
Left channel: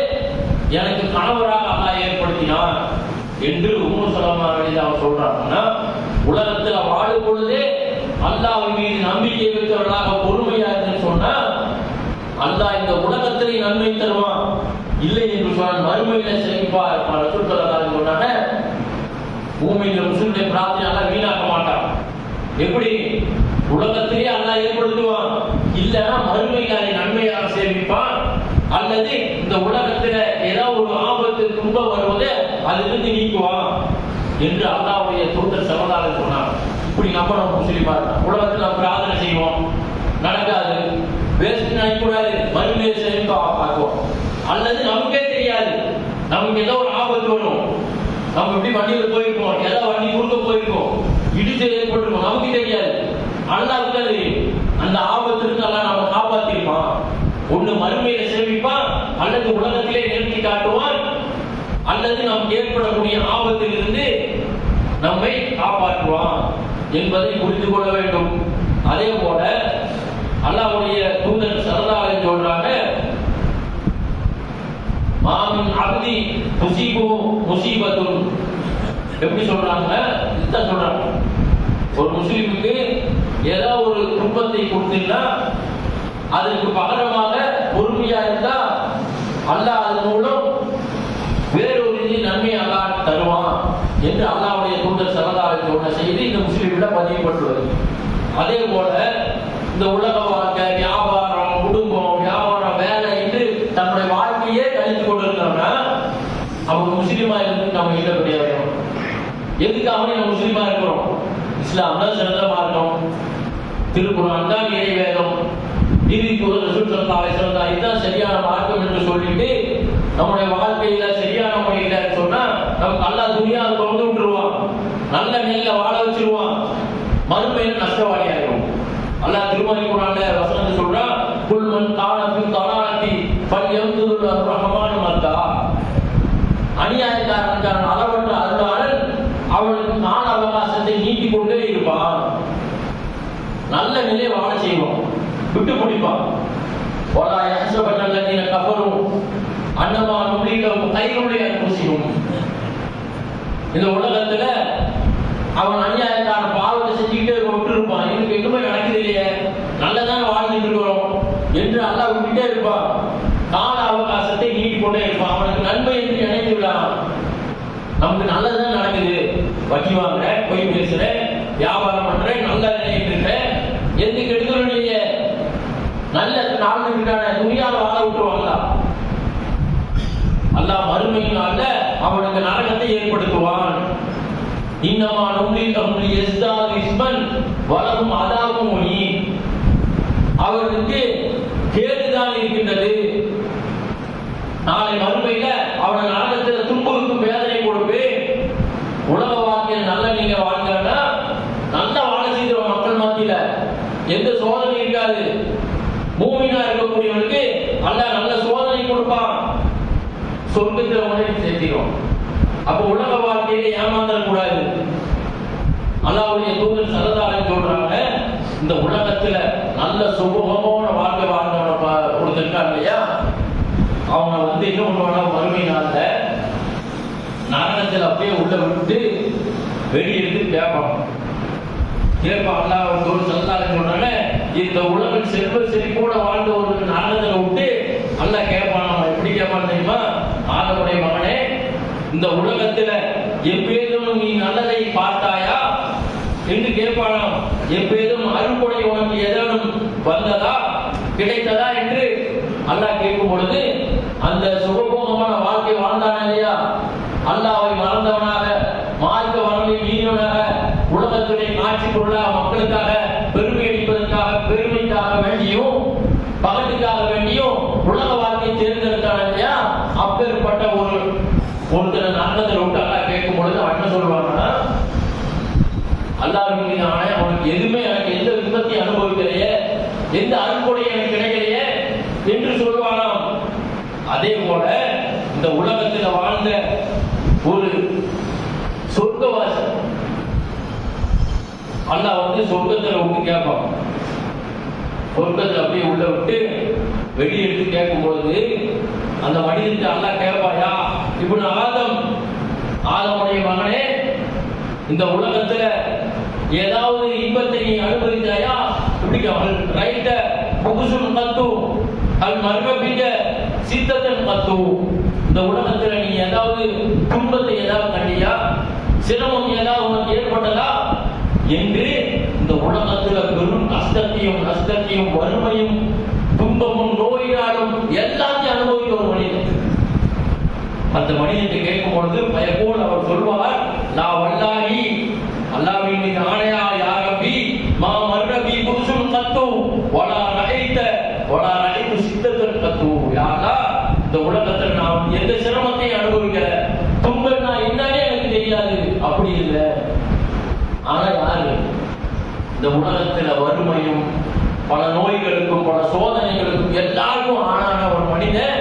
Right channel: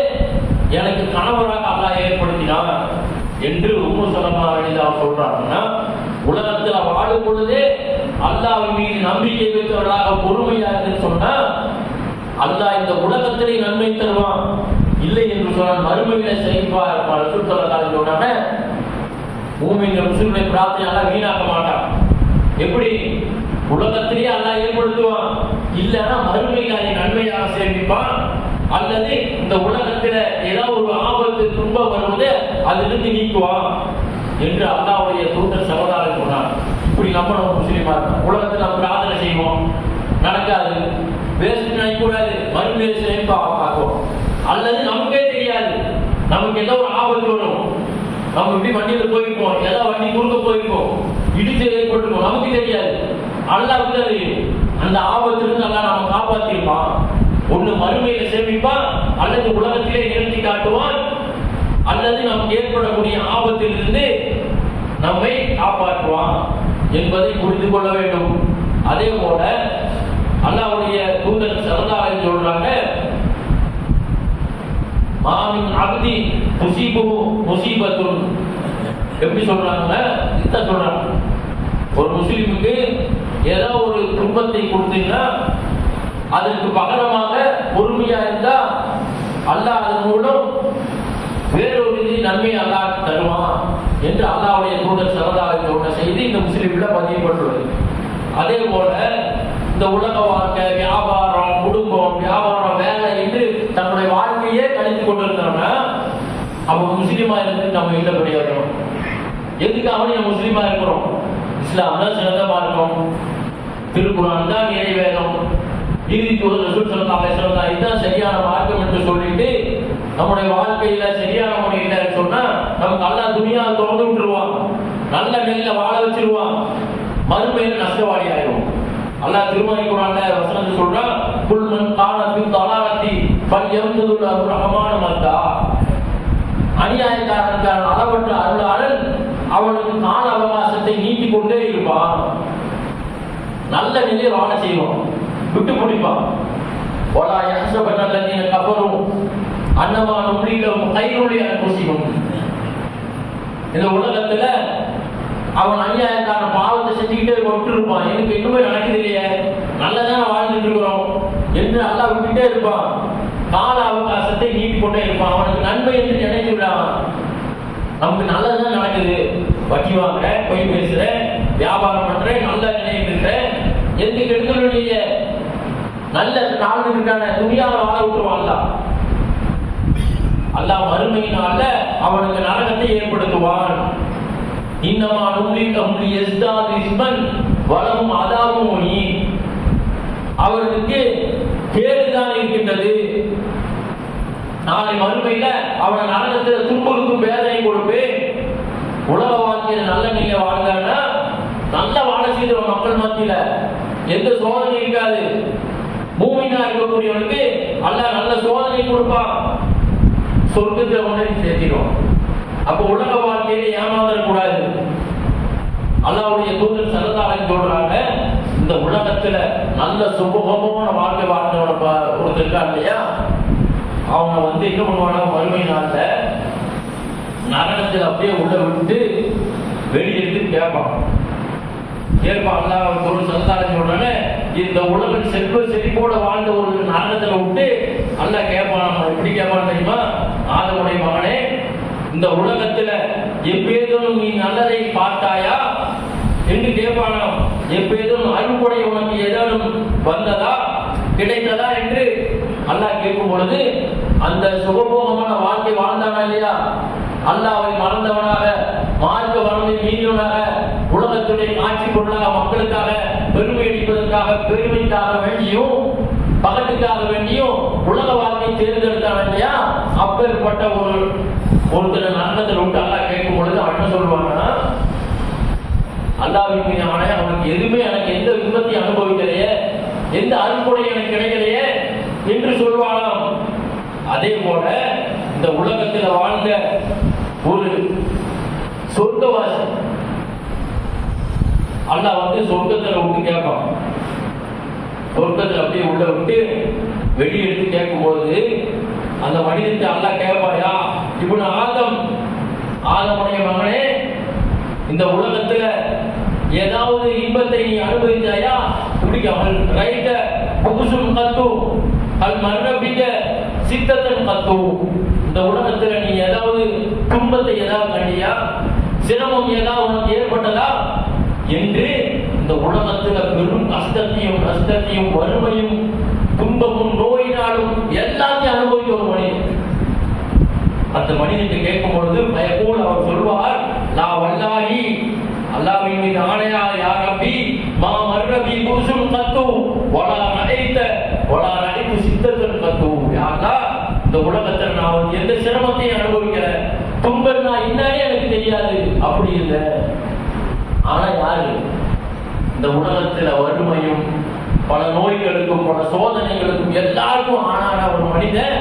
எனக்கு கணவராக அல்லாஹ் ஏற்படுத்தினார் என்று உம்மு சலமா அவர் சொல்றாங்கன்னா, உலகத்தில் வாழும் பொழுதே அல்லாஹ்வின் மீது நம்பிக்கை வைத்தவர்களாக பொறுமையா இருந்து சொன்னா அல்லாஹ் இந்த உலகத்திலே நன்மை தருவான். இல்லை என்று சொன்னால் மறுமையில சேமிப்பா இருப்பான். ரசூல் ஸல்லல்லாஹு அலைஹி வஸல்லம் சொன்னாங்க, மூமின் முஸ்லிமுடைய பிரார்த்தனை அல்லாஹ் வீணாக்க மாட்டான். எப்படி உலகத்திலே அல்லாஹ் ஏற்படுத்துவான், இல்லைன்னா மறுமையில அதை நன்மையாக சேமிப்பான். அல்லது இந்த உலகத்துல ஏதாவது ஒரு ஆபத்து துன்பம் வருவது அதிலிருந்து நீக்குவான் என்று அல்லாஹ்வுடைய தூதர் ஸல்லல்லாஹு அலைஹி வஸல்லம் சொன்னார். இப்படி நம்ம முஸ்லிமா உலகத்தில் நம்ம பிரார்த்தனை செய்வோம், நடக்காது, வேஸ்ட் நினைக்கூடாது, மறுமையில சேமிப்பா பார்ப்போம். அல்லது நமக்கே தெரியாது, நமக்கு ஏதோ ஒரு ஆபத்து வரும், நம்ம இப்படி வண்டியில போயிருப்போம், ஏதாவது வண்டி குறுக்க போயிருப்போம், இடிச்சு ஏற்பட்டிருப்போம், நமக்கு தெரியாது, அல்லாஹ்வுக்கு தெரியும். அந்த ஆபத்திலிருந்து அல்லாஹ் நம்ம காப்பாத்திருப்பான். ஒண்ணு மறுமையில சேமிப்பான், அல்லது உலகத்திலே நிறுத்தி காட்டுவான், அல்லது நமக்கு ஏற்படக்கூடிய ஆபத்திலிருந்து நம்மை காப்பாற்றுவான் என்பதை புரிந்து கொள்ள வேண்டும். அதே போல அல்லாஹ்வுடைய தூதர் ஸல்லல்லாஹு அலைஹி வஸல்லம் சொல்றாங்க, மாமின் அப்தி துஸீபு முஸீபத்துன். எப்படி சொல்றாங்க, இத சொல்றாங்க, ஒரு முஸ்லிமுக்கு ஏதாவது ஒரு துன்பத்தை கொடுத்தீங்கன்னா அதற்கு பகரமாக பொறுமையா இருந்தா அல்லாஹ் அதன் மூலம் நன்மையை அல்லாஹ் தருவான் என்று அல்லாஹ்வுடைய தூதர் ஸல்லல்லாஹு அலைஹி வஸல்லம் சொன்ன செய்தி இந்த முஸ்லிம்ல பதியப்பட்டுள்ளது. அதே போல இந்த உலக வாழ்க்கை, வியாபாரம், குடும்பம், வியாபாரம், வேலை என்று தன்னுடைய வாழ்க்கையே கழித்துக் கொண்டிருந்தோம்னா அவங்க முஸ்லீமா இருந்து நம்ம என்ன பிரயோஜனம்? எதுக்காக நம்ம முஸ்லீமா இருக்கிறோம்? இஸ்லாம் தான் சிறந்த மார்க்கம், திருக்குர்ஆன் தான் இறைவேதம், ரசூல் ஸல்லல்லாஹு அலைஹி வஸல்லம் இதுதான் சரியான மார்க்கம் என்று சொல்லிட்டு நம்முடைய வாழ்க்கையில சரியான முறையில சொன்னா நமக்கு அல்லாஹ் துனியாவை திறந்து விட்டுருவான், நல்ல நெல்ல வாழ வச்சிருவான், மறுமையில நஷ்டவாளி ஆயிடும். அல்லாஹ் திருமறை குர்ஆன்ல வசனம் சொல்றான், குல் மன் கான ஃபி தலாலத்தி ஃபல்யம்துல் ரஹ்மான் மத்தா. அநியாயக்காரன் அளவற்ற அருளாளன் அவனுக்கு கால அவகாசத்தை நீட்டிக் கொண்டே இருப்பான், நல்ல நிலையை வாழ செய்வான், விட்டு பிடிப்பான். வலா யஹ்ஸபன அல்லதீன கஃபரு அன்னமா நும்லிலஹும் கைருலி அன்ஃபுஸிஹும். இந்த உலகத்துல அவன் அநியாயக்காரன் பாவத்தை செஞ்சுக்கிட்டே விட்டுருப்பான், எனக்கு எதுவுமே நடக்குது இல்லையே, நல்லதான வாழ்ந்துட்டு இருக்கிறோம் என்று அல்லாஹ் விட்டுட்டே இருப்பான், கால அவகாசத்தை நீட்டிக்கொண்டே இருப்பான், அவனுக்கு நன்மை என்று நினைத்து விடான். நமக்கு நல்லதுதான் நடக்குது, வட்டி வாங்குற, பொய் பேசுற, வியாபாரம் பண்ற, நல்ல நினைக்கிற, எந்த கெடுதலும் இல்லையே, நல்ல நாளுக்கான துணியால வாழ விட்டுருவான். அல்லாஹ் மறுமையினால அவனுக்கு நரகத்தை ஏற்படுத்துவான். இன்னமா நும்லிலஹும் லியஸ்தாது இஸ்மன் வலஹும் அதாபும் முஹீன். அவர்களுக்கு கேடுதான் இருக்கின்றது, நாளை மறுமையில அவன் நரகத்தில் துன்புறுக்கும் வேதனை கொடுப்பேன். உலக வாழ்க்கையில் நல்ல நீங்க வாழ்ந்தான்னா நல்ல வாழ செய்த மக்கள் மத்தியில எந்த சோதனை இருக்காது. மூமினா இருக்கக்கூடியவனுக்கு அல்லாஹ் நல்ல சோதனை கொடுப்பான், சொர்க்கத்தில் உடனே சேர்த்திடும். அப்ப உலக வாழ்க்கையில ஏமாந்தர கூடாது. அல்லாஹ்வுடைய தூதர் ஸல்லல்லாஹு அலைஹி சொல்றாங்க, இந்த உலகத்துல நல்ல சுபகமான வாழ்க்கை வாழ்ந்தவன கொடுத்திருக்காங்க இல்லையா, அவங்க என்ன பண்ணுவாங்க, மறுமை நாள்ல நரகத்தில் அப்படியே உள்ள விட்டு வெளியெடுத்து கேட்பான். அல்லாஹ் தூதர் ஸல்லல்லாஹு அலைஹி சொல்றாங்க, இந்த உலகம் செல்வ செழிப்போட வாழ்ந்த ஒரு நரகத்துல விட்டு அல்லாஹ் கேட்பான். எப்படி கேட்பான் தெரியுமா? ஆதமுடைய மகனே, இந்த உலகத்துல எப்பேதும் நீ நல்லதை பார்த்தாயா என்று கேட்பானாம். எப்பேதும் அருள்கொடை உனக்கு ஏதேனும் வந்ததா, கிடைத்ததா என்று அல்லாஹ் கேட்கும் பொழுது அந்த சுகபோகமான வாழ்க்கை வாழ்ந்தானா இல்லையா, அல்லாஹ்வை மறந்தவனாக, மார்க்க வரலை மீறியவனாக, உலகத்துடைய காட்சி பொருளாக, மக்களுக்காக பெருமை அளிப்பதற்காக, பெருமைக்காக வேண்டியும் பகட்டுக்காக வேண்டியும் உலக வாழ்க்கை தேர்ந்தெடுத்தான இல்லையா, அப்பேற்பட்ட ஒருத்தர் நரகத்தில் விட்டு அல்லாஹ் கேட்கும் பொழுது அவன் என்ன சொல்லுவாங்கன்னா, அல்லாஹ்வின் மீது ஆணையா, அவனுக்கு எதுவுமே எனக்கு எந்த விபத்தையும் அனுபவிக்கலையே, எந்த அருள்கொடை எனக்கு கிடைக்கலையே என்று சொல்வானாம். அதே போல இந்த உலகத்தில் வாழ்ந்த ஒரு சொர்க்கவாசி அல்லாஹ் சொர்க்கத்தில் விட்டு கேட்பான். சொர்க்கத்தில் அப்படியே உள்ள விட்டு வெளியெடுத்து கேட்கும் பொழுது அந்த மனிதனுக்கு அல்லாஹ் கேட்பாயா, இப்னு ஆதமுடைய மகனே, இந்த உலகத்துல ஏதாவது இன்பத்தை நீ அனுபவித்தாயா? பிடிக்காமல் ரைட்ட புகுசுல் கத்து அல் மர்ரபிக சித்தத்தன் கத்து. இந்த உலகத்துல நீ ஏதாவது துன்பத்தை ஏதாவது கண்டியா, சிரமம் ஏதாவது உனக்கு ஏற்பட்டதா என்று இந்த உலகத்துல பெரும் கஷ்டத்தையும் நஷ்டத்தையும் வறுமையும் துன்பமும் நோயினாலும் எல்லாத்தையும் அனுபவிக்க ஒரு மனிதன். அந்த மனிதன் கேட்கும் பொழுது பயப்போல் அவர் சொல்வார், நான் வல்லாஹி, அல்லாஹ்வின் மீது ஆணையா, யா ரப்பி, மா மர்ரபி புசுல் கத்து வலா ரஐது சித்தத்தன் கத்து. யா அல்லாஹ், இந்த உலகத்தில் நான் எந்த சிரமத்தையும் அனுபவிக்கல, துன்பம் நான் என்னன்னே எனக்கு தெரியாது, அப்படி இல்லை. ஆனா யாரு இந்த உலகத்துல வறுமையும் பல நோய்களுக்கும் பல சோதனைகளுக்கும் எல்லாருக்கும் ஆனான ஒரு மனிதன்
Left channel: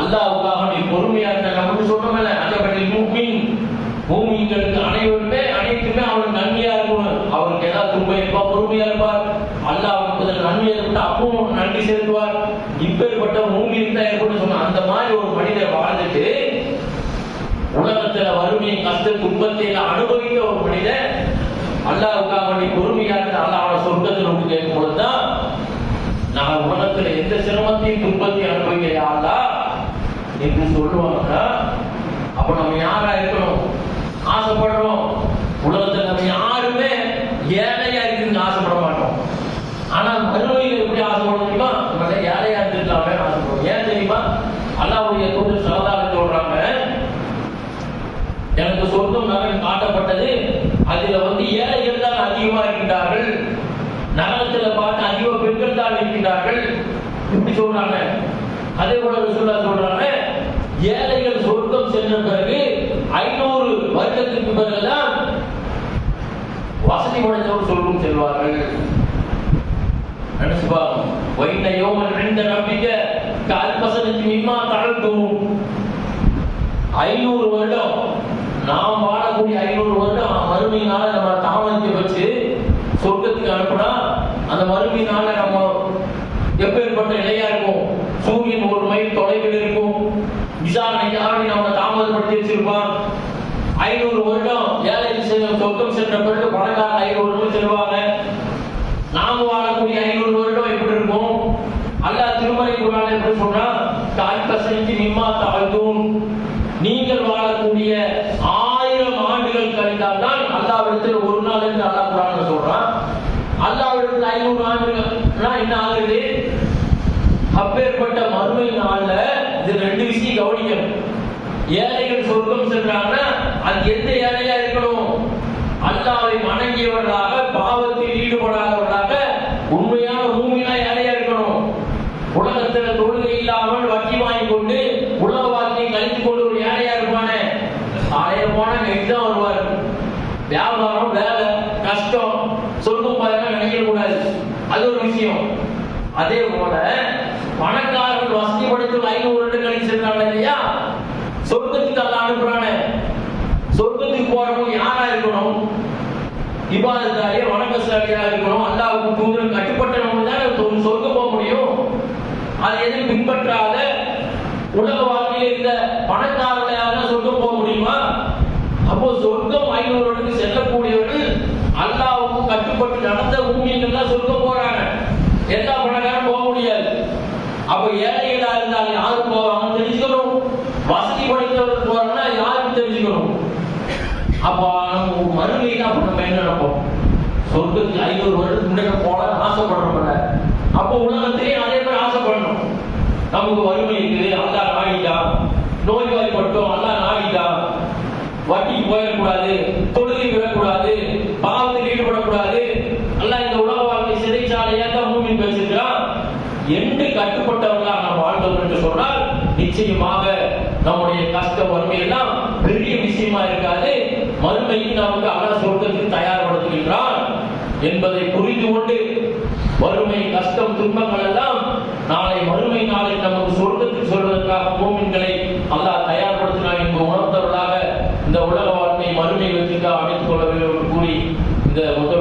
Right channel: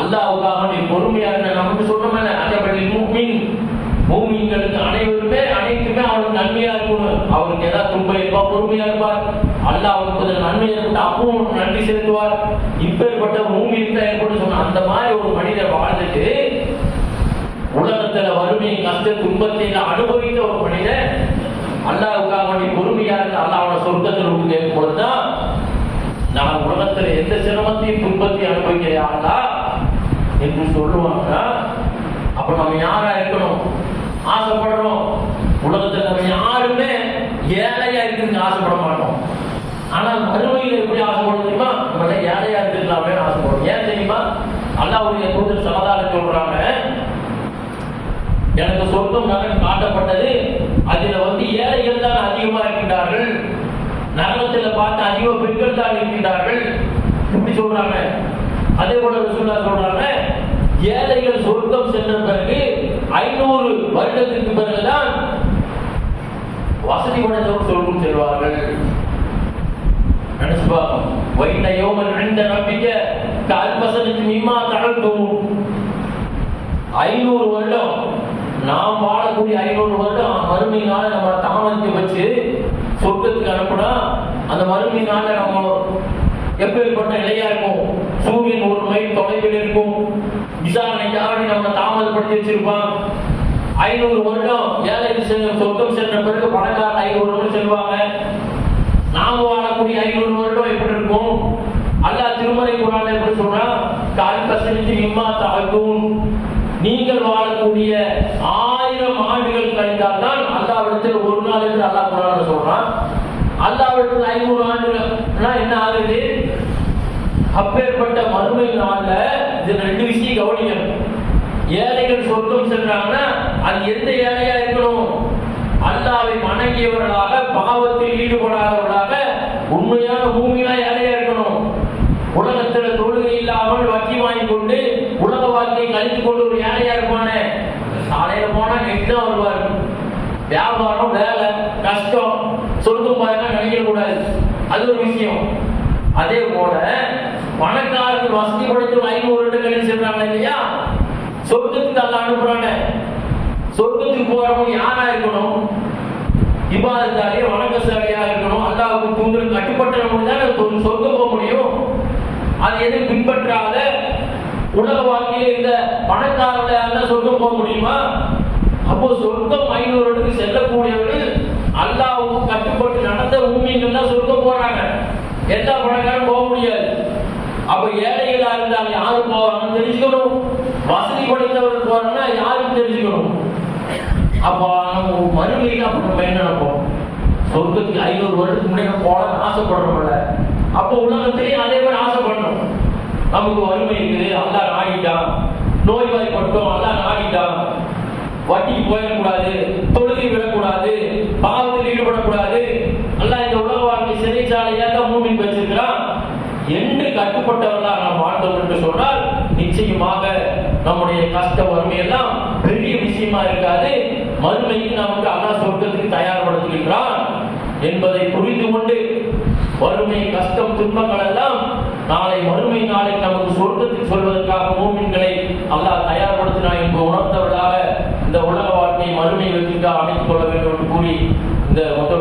அல்லாஹ்வுக்காக நீ பொறுமையா இருந்த, நம்ம சொல்றோம்ல, அஜபலில் முஃமின், மூமின்களுக்கு அனைத்துமே அவனுக்கு நன்மையா இருக்கணும். அவருக்கு ஏதாவது துன்பம் இருப்பா, பொறுமையா இருப்பார், அல்லாஹ் அவனுக்கு நன்மை ஏற்பட்டு அப்பவும் நன்றி செலுத்துவார். இப்பேற்பட்ட மூமின் தான் ஏற்பட்டு சொன்ன அந்த மாதிரி ஒரு மனிதர் வாழ்ந்துட்டு உலகத்துல வறுமையை கஷ்ட துன்பத்தை அனுபவித்த ஒரு மனிதன் அல்லாஹ்வுக்காக நீ பொறுமையா இருந்த அல்லாஹ்வோட சொர்க்கத்தில் விட்டு கேட்கும் பொழுதுதான், நான் உலகத்துல எந்த சிரமத்தையும் துன்பத்தையும் அனுபவிக்கையா அல்லாஹ் என்று சொல்லுவாங்கன்னா, அப்ப நம்ம யாரா இருக்கணும்? ஆசைப்படுறோம். உலகத்துல நம்ம யாருமே ஏழையா இருக்குன்னு ஆசைப்பட மாட்டோம். ஆனா மறுமையில எப்படி ஆசைப்பட தெரியுமா? நம்ம ஏழையா இருந்துக்கலாமே ஆசைப்படுறோம். ஏன் தெரியுமா? அல்லாஹ்வுடைய தூதர் ஸல்லல்லாஹு அலைஹி சொல்றாங்க, எனக்கு சொர்க்கம் நரகம் காட்டப்பட்டது, அதுல ஏழைகள் தான் அதிகமா இருக்கின்றார்கள், நரகத்துல பார்த்து அதிக பெண்கள் தான் இருக்கின்றார்கள் இப்படி சொல்றாங்க. அதே போல ரசூலுல்லாஹ் சொல்றாங்க, ஏழைகள் சொர்க்கம் சென்ற பிறகு 500 வருடத்துக்கு பிறகுதான் வசதி படைத்தவர் சொர்க்கம் செல்வார்கள். நினைச்சு பாருங்க. வைன யௌமன் இன்த ரப்பிக கல்பசனத்து மிம்மா தஅல்தும். 500 வருடம் நாம் வாழக்கூடிய 500 வருடம் மறுமை நாளை நம்ம தாமதிக்க வச்சு சொர்க்கத்துக்கு அனுப்புனா அந்த மறுமை நாளை நம்ம எப்பேற்பட்ட நிலையா இருக்கும்? சூரியன் 1 மைல் தொலைவில் இருக்கும். விசாரணை யாரை நம்ம தாமதப்படுத்தி வச்சிருப்பான். 500 வருடம் ஏழைகள் சொர்க்கம் சென்ற பிறகு பணக்காரர் 500 வருடம் செல்வாங்க. நாம வாழக்கூடிய 500 வருடம் எப்படி இருக்கும்? அல்லாஹ் திருமறை குர்ஆன்ல எப்படி சொல்றா? கால்பசனிக்கு மிம்மா தஅல்தும். நீங்கள் வாழக்கூடிய 1000 ஆண்டுகள் கழிந்தால் தான் அல்லாஹ்விடத்தில் ஒரு நாள் என்று அல்லாஹ் குர்ஆன்ல சொல்றான். அல்லாஹ்விடத்தில் 500 ஆண்டுகள்னா என்ன ஆகுது? அப்பேற்பட்ட மறுமை நாள்ல இது 2 விஷயம் கவனிக்கணும். ஏழைகள் சொர்க்கம் சென்றாங்கன்னா அது எந்த ஏழையா இருக்கணும்? அல்லாஹ்வை வணங்கியவர்களாக, பாவத்தில் ஈடுபடாதவர்களாக, உண்மையான மூமினா ஏழையா இருக்கணும். உலகத்துல தொழுகை இல்லாமல் வட்டி வாங்கி கொண்டு உலக வாழ்க்கையை கழித்துக் கொண்டு ஒரு ஏழையா இருப்பானே, காலையில போனா நைட்டு தான் வருவார். வியாபாரம், வேலை, கஷ்டம், சொர்க்கம் போயெல்லாம் நினைக்க கூடாது. அது ஒரு விஷயம். அதே போல பணக்காரர்கள் வசதி படைத்து 500 வருடம் கழிச்சு சென்றாங்க இல்லையா, சொர்க்கத்துக்கு அல்லாஹ் அனுப்புறானே. சொர்க்கத்துக்கு போறவங்க யாரா இருக்கணும்? இபாதத்தாரியா, வணக்கசாலியா இருக்கணும். அல்லாஹ்வுக்கு தூதருக்கு கட்டுப்பட்டவங்க தான் சொர்க்கம் போக முடியும். அது எதை பின்பற்றாத உலக வாழ்க்கையில இந்த பணக்காரர்களால சொர்க்கம் போக முடியுமா? அப்போ சொர்க்கம் 500 வருடத்துக்கு செல்லக்கூடியவர்கள் அல்லாஹ்வுக்கு கட்டுப்பட்டு நடந்த மூமின்கள் தான் சொர்க்கம் போறாங்க. எல்லா பணக்காரரும் போக முடியாது. அப்ப ஏழைகளா இருந்தால் யாரு போவாங்கன்னு தெரிஞ்சுக்கணும். வசதி படைத்தவர்கள் போறாங்கன்னா யாருக்கு தெரிஞ்சுக்கணும். அப்ப நம்ம மறுமையில அப்ப நம்ம என்ன நினைப்போம்? சொர்க்கத்துக்கு 500 வருடத்துக்கு முன்னாடி போல ஆசைப்படுறோம்ல. அப்போ உலகத்திலேயே அதே மாதிரி ஆசைப்படணும். நமக்கு வறுமை இருக்குது, அல்லாஹ் நாடிட்டான். நோய்வாய்ப்பட்டோம், அல்லாஹ் நாடிட்டான். வட்டிக்கு போயிடக்கூடாது, தொழுகை விடக்கூடாது, பாவத்தில் ஈடுபடக்கூடாது. அல்லாஹ் இந்த உலக வாழ்க்கை சிறைச்சாலையா தான் மூமின் வச்சிருக்கான் என்று கட்டுப்பட்டவர்களாக நாம் வாழ்ந்தோம் என்று சொன்னால் நிச்சயமாக நம்முடைய கஷ்ட வறுமையெல்லாம் பெரிய விஷயமா இருக்காது. மறுமைக்கு நமக்கு அல்லாஹ் சொர்க்கத்துக்கு தயார்படுத்துகின்றான் என்பதை புரிந்து கொண்டு வறுமை, கஷ்டம், துன்பங்கள் எல்லாம் நாளை மறுமை நாளில் நமக்கு சொர்க்கத்துக்கு சொல்வதற்காக மூமின்களை அல்லாஹ் தயார்படுத்தினான் என்பது உணர்ந்தவர்களாக இந்த உலக வாழ்க்கை மறுமை வெற்றிக்காக அமைத்துக் கொள்ள வேண்டும் என்று கூறி இந்த முதல்